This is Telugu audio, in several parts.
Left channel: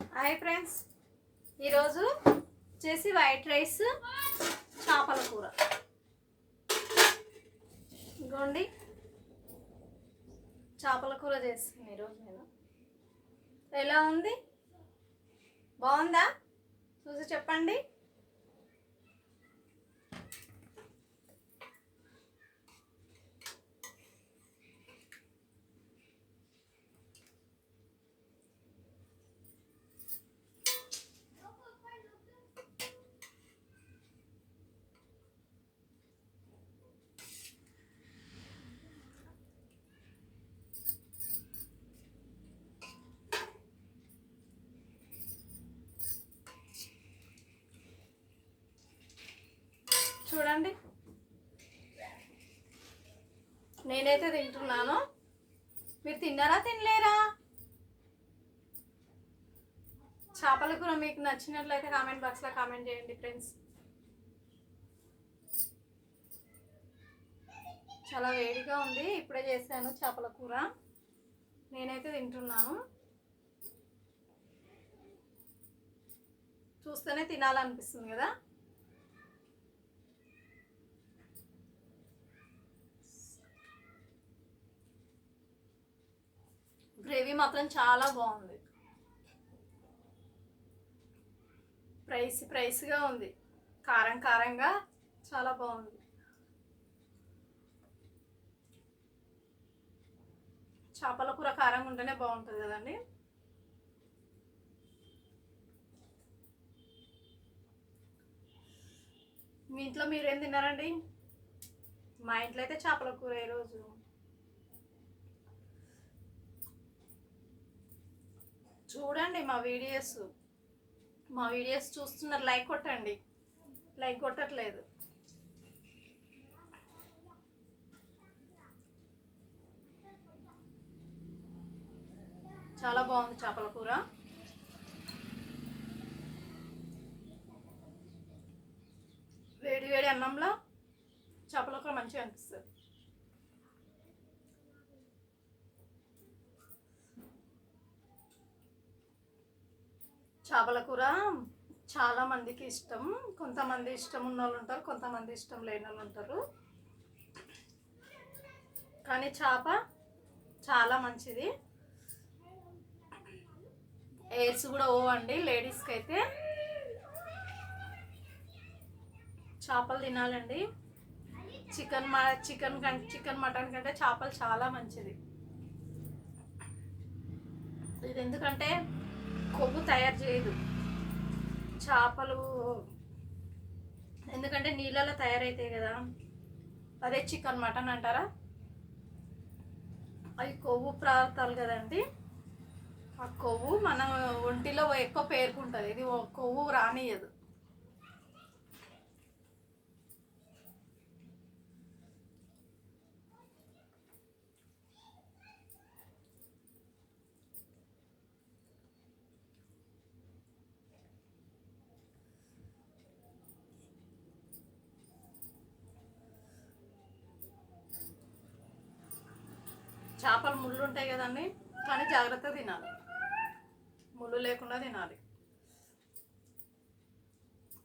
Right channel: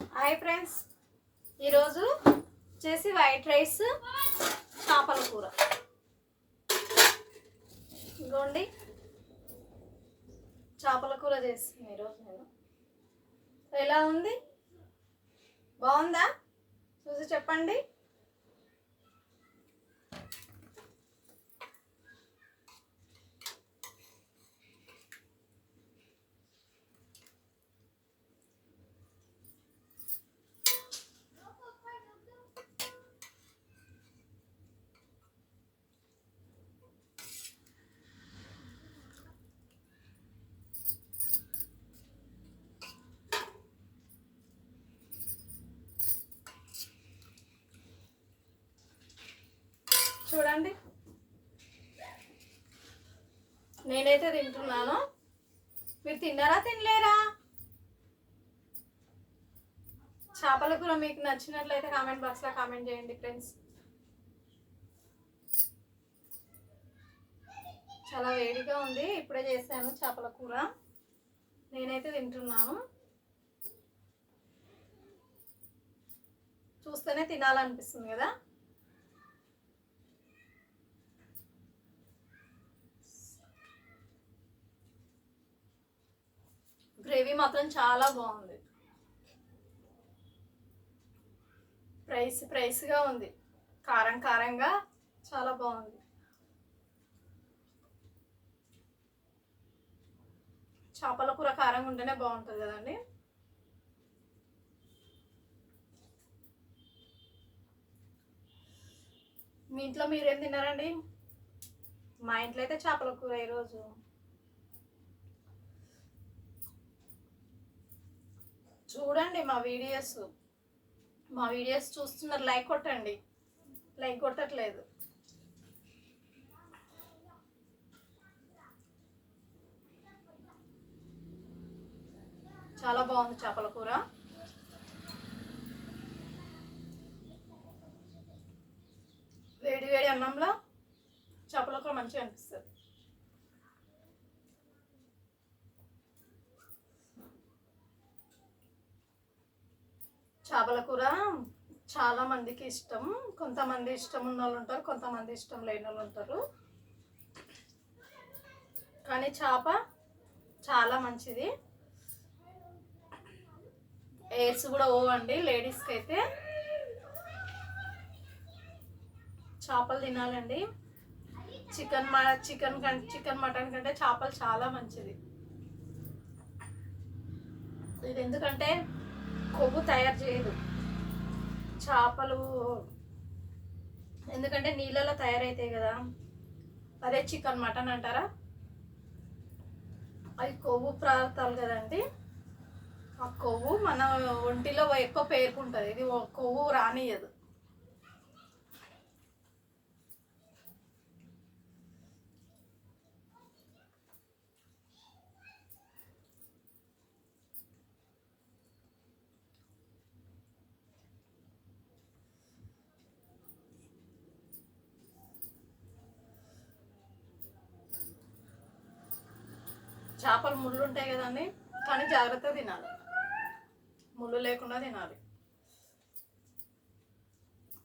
హాయ్ ఫ్రెండ్స్, ఈరోజు వచ్చేసి వైట్ రైస్ చేపల కూర. ఇదిగోండి చేపల కూర చేస్తుంది ఈరోజు నేను. ఎలా ఉంది? బాగుందా? చూసి చెప్పండి. చూడండి, నేనైతే తింటున్నాను. మీరు తిన్నారా తినలేరా? చేపల కూర మీకు నచ్చినట్లయితే కామెంట్ బాక్స్లో కామెంట్ చేయండి ఫ్రెండ్స్. చాలా వేడిగా ఉంది, ఇప్పుడే చేశాను చేపల కూర. నేనైతే తింటున్నాను. చూస్తేనే తినాలనిపిస్తుంది కదా. గ్రేవీ మాత్రం చాలా బాగుంది. ప్రైస్గా ఉంది, కారంగా చాలా బాగుంది. చేపల కూర కారంగా ఉంటేనే బాగుంటుంది కదండి. మీ ఇంట్లో మీరేం తిన్నారండి? మా ఇంట్లో అయితే చేపల కూర ఈరోజు. చూడండి మా వీడియోస్ చూస్తున్నారు, లైక్ కొట్టండి. లైక్ కొట్టట్లేదు. చాలా బాగుంది చేపల కూర. వేడి వేడి అన్నంలో చేపల కూర మంచిగా అనిపిస్తుంది. చేపల కూర చాలా మందికి ఇష్టం. కొంతమంది ఇష్టం ఉన్న వాళ్ళు ఉంటారు, కొంతమంది ఇష్టం లేని వాళ్ళు ఉంటారు. కానీ చేప చాలా మంచిది. ఎయిర్స్ కూడా పోవండి లేడీస్కి అయితే. చేపలు తినాలండి. చికెన్ మటన్ కంటే చేపలు చాలా మంచిది. ఇది ఎందుకంటే కొవ్వు తయారు చేయదు చేపలు, ఎందుకంటే నీళ్ళలో తయారైతాయి కదా. అదే చికెన్ మటన్ అంటారా, అది కొవ్వు పదార్థాలు కదండి. ఆ కొవ్వు మన ఒంటిలో ఎక్కువ పేరుకుంటుంది, ఇది కొవ్వు రానియదు. చేపలు ముళ్ళు ఉంటాయి కదండి, కానీ జాగ్రత్తగా తినాలి, ముళ్ళు లేకుండా తినాలి.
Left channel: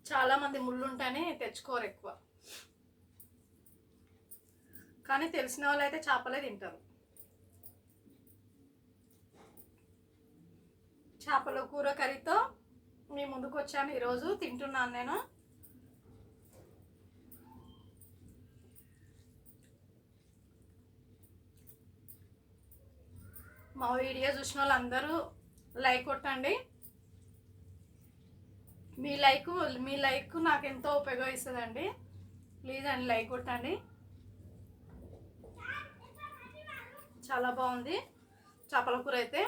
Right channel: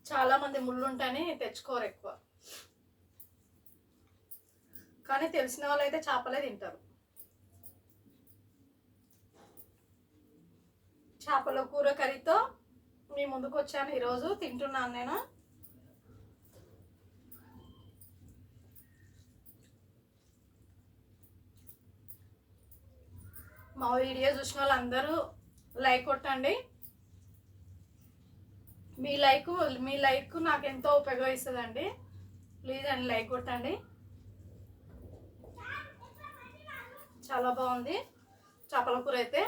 చాలామంది ముళ్ళు ఉంటాయని తెచ్చుకోరు ఎక్కువ, కానీ తెలిసిన వాళ్ళు అయితే చేపలే తింటారు. చేపల కూర కర్రీతో మీ ముందుకు వచ్చాను. ఈరోజు తింటున్నాను నేను. మా వీడియో చూసిన వాళ్ళందరూ లైక్ కొట్టండి. మీ లైక్ నాకు ఎంతో ఉపయోగిస్తుందండి. ప్లీజ్ అండి లైక్ కొట్టండి. చాలా బాగుంది చేపల కూర అయితే.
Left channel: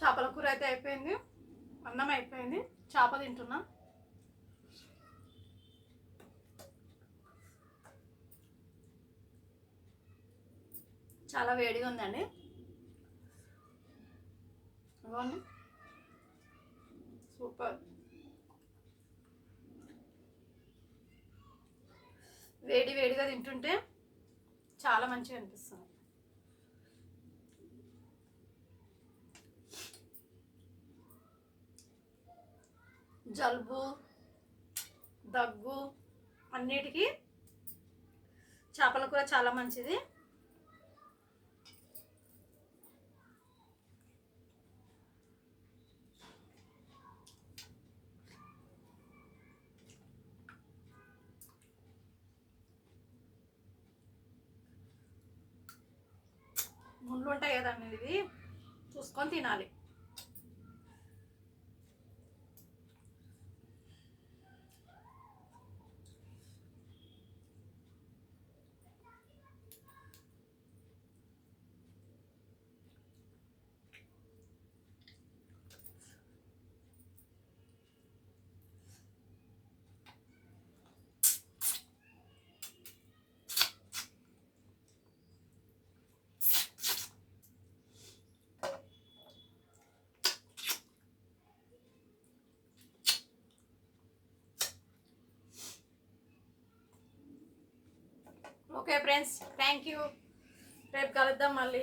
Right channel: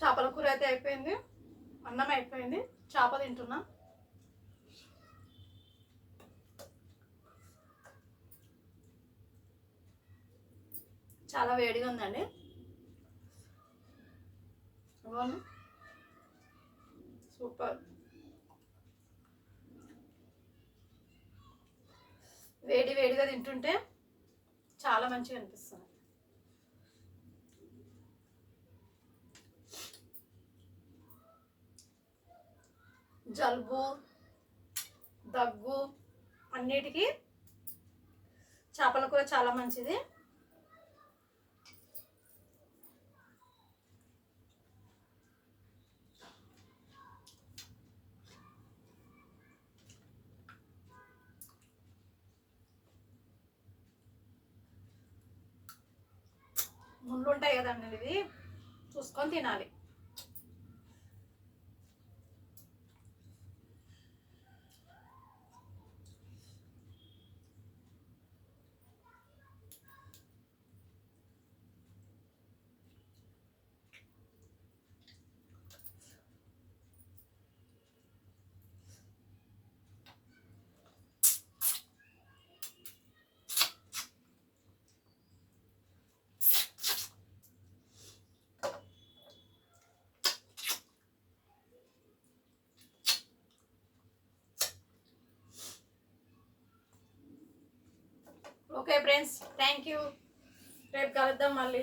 చేపల కూర అయితే అయిపోయింది, అన్నం అయిపోయింది, చేప తింటున్నా. చాలా వేడిగా ఉందండి. బాగుంది. సూపర్. వేడి వేడిగా తింటుంటే చాలా మంచిగా అనిపిస్తుంది. జలుబు దగ్గు అన్నిటికీ చేపల కూర చాలా మంచిది. ముళ్ళు ఉంటాయి కదండి, ఇది చూసుకొని తినాలి. Okay friends, thank you. రేపు కలుద్దాం మళ్ళీ.